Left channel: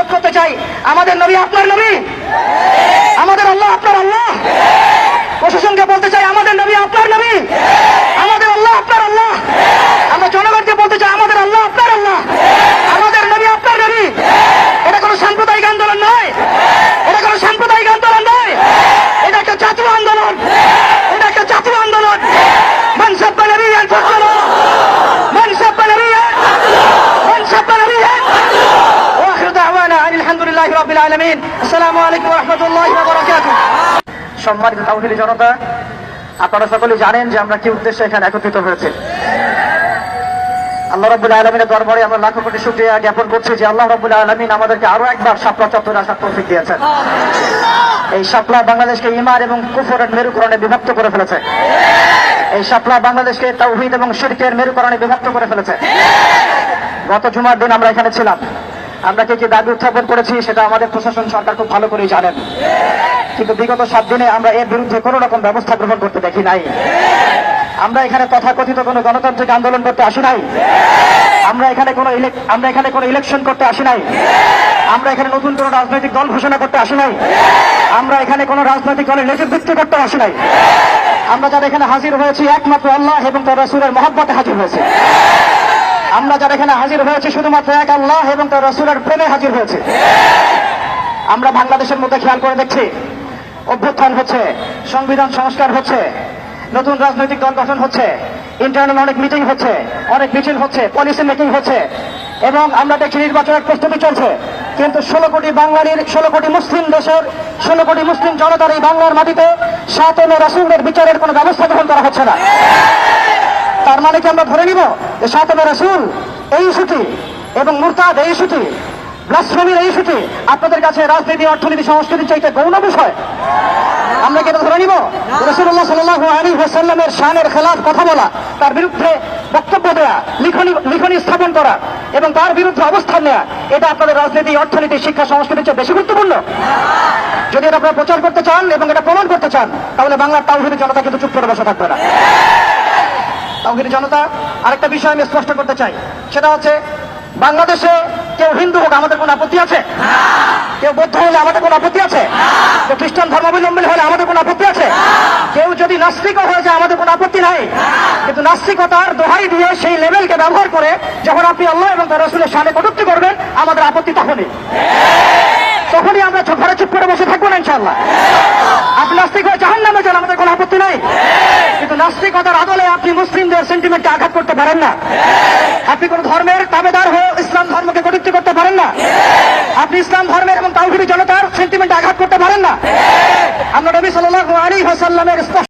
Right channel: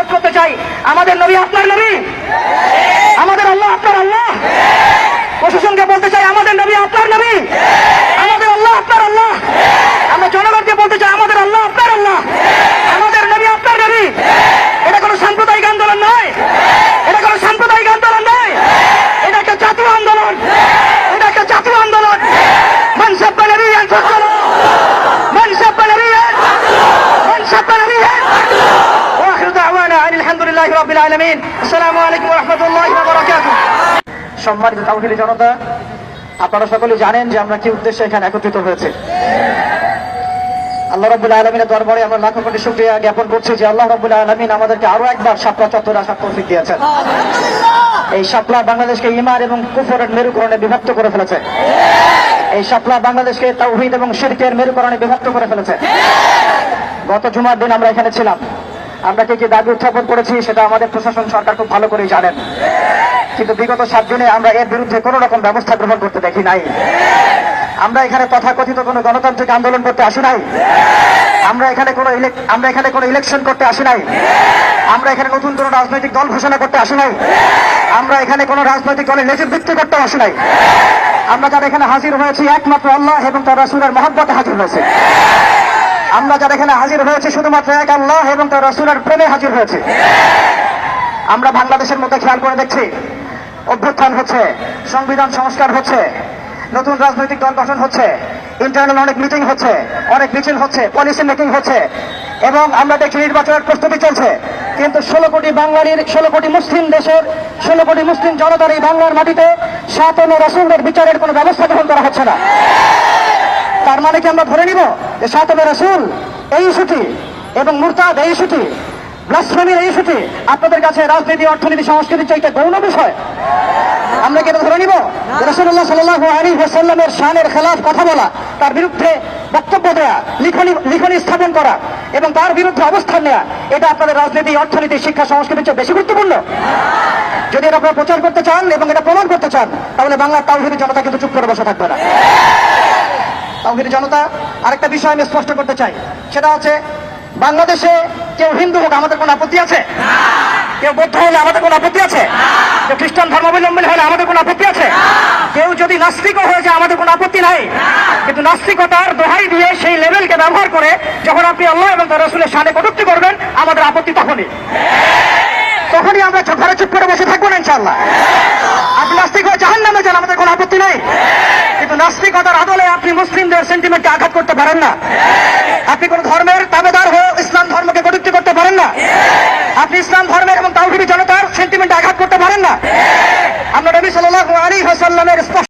অনুরোধ করতে চাই, আমাদের নবী আপনার নবী, আমাদের আল্লাহ আপনার আল্লাহ। প্রশাসনকে বলতে চাই, আমাদের নবী আপনার নবী, আমাদের আল্লাহ আপনার আল্লাহ। আমরা জনগণকে বলতে চাই, আমাদের আল্লাহ আপনার আল্লাহ, আমাদের নবী আপনার নবী। এটা কোনো সাম্প্রদায়িক আন্দোলন নয়, এটা কোনো সাম্প্রদায়িক আন্দোলন নয়, এটা একটা জাতীয় আন্দোলন, এটা একটা জাতীয় আন্দোলন। মান সাব্বা নবিয়্যান ফাকতুলুহু, মান সাব্বা নবিয়্যান, মান সাব্বা নবিয়্যান। ওয়া আখিরু দাওয়ানা আলহামদুলিল্লাহি রাব্বিল আলামিন। আসসালামু আলাইকুম ওয়া রাহমাতুল্লাহি ওয়া বারাকাতুহু। সম্মানিত তাওহীদি জনতা, আপনারা সকলে জানেন যে আমরা কি উদ্দেশ্যে এখানে একত্রিত হয়েছি। আল্লাহ রাব্বুল আলামিনের দরবারে আমরা লাখো কোটি শুকরিয়া জ্ঞাপন করছি যে আল্লাহ রাব্বুল আলামিন আমাদেরকে আরো একবার শাপলা চত্বরে আসার তৌফিক দিয়েছেন। এই শাপলা বাংলাদেশকে ঈমান এবং কুফরের মেরুকরণে বিভক্ত করে ফেলেছে। এই শাপলা বাংলাদেশকে তাওহীদ এবং শিরকের মেরুকরণে বিভক্ত করে ফেলেছে। গত জুমার দিন আমরা এখানে ছিলাম, আমরা কি দাবি উত্থাপন করেছি সেটা আমাদের প্রশাসন সরকার খুব ভালো করেই জানেন। কিন্তু বিগত 7 দিনে আমরা এর বিরুদ্ধে কোন রকম ব্যবস্থা গ্রহণ করতে দেখি নাই। আমরা এখানে তথাকথিত কোনো গণতান্ত্রিক আন্দোলন করতে আসি নাই, আমরা এখানে কোনো ইলেকশন করতে আসি নাই, আমরা এখানে নতুন কোনো রাজনৈতিক দল ঘোষণা করতে আসি নাই, আমরা এখানে কোনো রাজনৈতিক দলের নেতৃত্ব করতে আসি নাই। আমরা যারা এখানে হাজির হয়েছি একমাত্র আল্লাহ এবং তার রাসূলের মহব্বতে হাজির হয়েছি। আমরা যারা এখানে হাজির হয়েছি শুধুমাত্র এক আল্লাহ এবং তার রাসূলের প্রেমে হাজির হয়েছে। আমরা বাংলাদেশের মধ্যে খেয়াল করে দেখছি, অভ্যুত্থান হচ্ছে, সংবিধান সংস্কার হচ্ছে, নতুন রাজনৈতিক দল গঠন হচ্ছে, ইন্টারনাল অনেক মিটিং হচ্ছে, অনেক মিছিল হচ্ছে, পলিসি মেকিং হচ্ছে, এবং আমরা দেখছি নির্বাচনের প্রস্তুতি চলছে। কিন্তু 16 কোটি বাঙালির, 16 কোটি মুসলিম দেশের, 16 কোটি মুসলিম জনতার এই বাংলার মাটিতে 7 রাসূলের বিচারের কোনো ব্যবস্থা গ্রহণ করা হচ্ছে না। তার মানে কি আমরা ধরে নিব যে 7 রাসূল এই ইস্যুটি এবং মুরতাদ এই ইস্যুটি, ব্লাসফেমির এই ইস্যুটি আপনাদের কাছে রাজনীতি, অর্থনীতি, সংস্কৃতি চাইতে গৌণ বিষয়? আমরা কি এটা ধরে নিব? রাসূলুল্লাহ সাল্লাল্লাহু আলাইহি ওয়াসাল্লামের শানের খেলাফ কথা বলা, তার বিরুদ্ধে বক্তব্য দেয়া, লিখনি স্থাপন করা এবং তার বিরুদ্ধে অবস্থান নেওয়া, এটা আপনাদের রাজনীতি, অর্থনীতি, শিক্ষা, সংস্কৃতির চেয়ে বেশি গুরুত্বপূর্ণ? যদি এটা আপনারা প্রচার করতে চান এবং এটা প্রমাণ করতে চান, তাহলে বাংলার তাওহীদি জনতা কিন্তু চুপ করে বসে থাকবে না। তাওহীদি জনতা, আরেকটা বিষয় আমি স্পষ্ট করতে চাই, সেটা হচ্ছে বাংলাদেশে কেউ হিন্দু হোক আমাদের কোনো আপত্তি আছে? কেউ বৌদ্ধ হলে আমাদের কোনো আপত্তি আছে? কেউ খ্রিস্টান ধর্মাবলম্বী হলে আমাদের কোনো আপত্তি আছে? কেউ যদি নাস্তিকও হয়ে যায় আমাদের কোনো আপত্তি নাই। কিন্তু নাস্তিকতার দোহাই দিয়ে সেই লেভেলকে ব্যবহার করে যখন আপনি আল্লাহ এবং তার রাসূলের শানে কটূক্তি করবেন, আমাদের আপত্তি তখনই আমরা ঘরে চুপ করে বসে থাকবো না ইনশাআল্লাহ। আপনি নাস্তিক হয়ে জাহান্নামে যান, আমাদের কোনো আপত্তি নাই। কিন্তু নাস্তিকতার আদলে আপনি মুসলিমদের সেন্টিমেন্টকে আঘাত করতে পারেন না। আপনি কোন ধর্মের তাবেদার হয়ে ইসলাম ধর্মকে কটূক্তি করতে পারেন না। আপনি ইসলাম ধর্মের এবং তাওহীদি জনতার সেন্টিমেন্টে আঘাত করতে পারেন না। আমরা নবী সাল্লাল্লাহু আলাইহি ওয়াসাল্লামের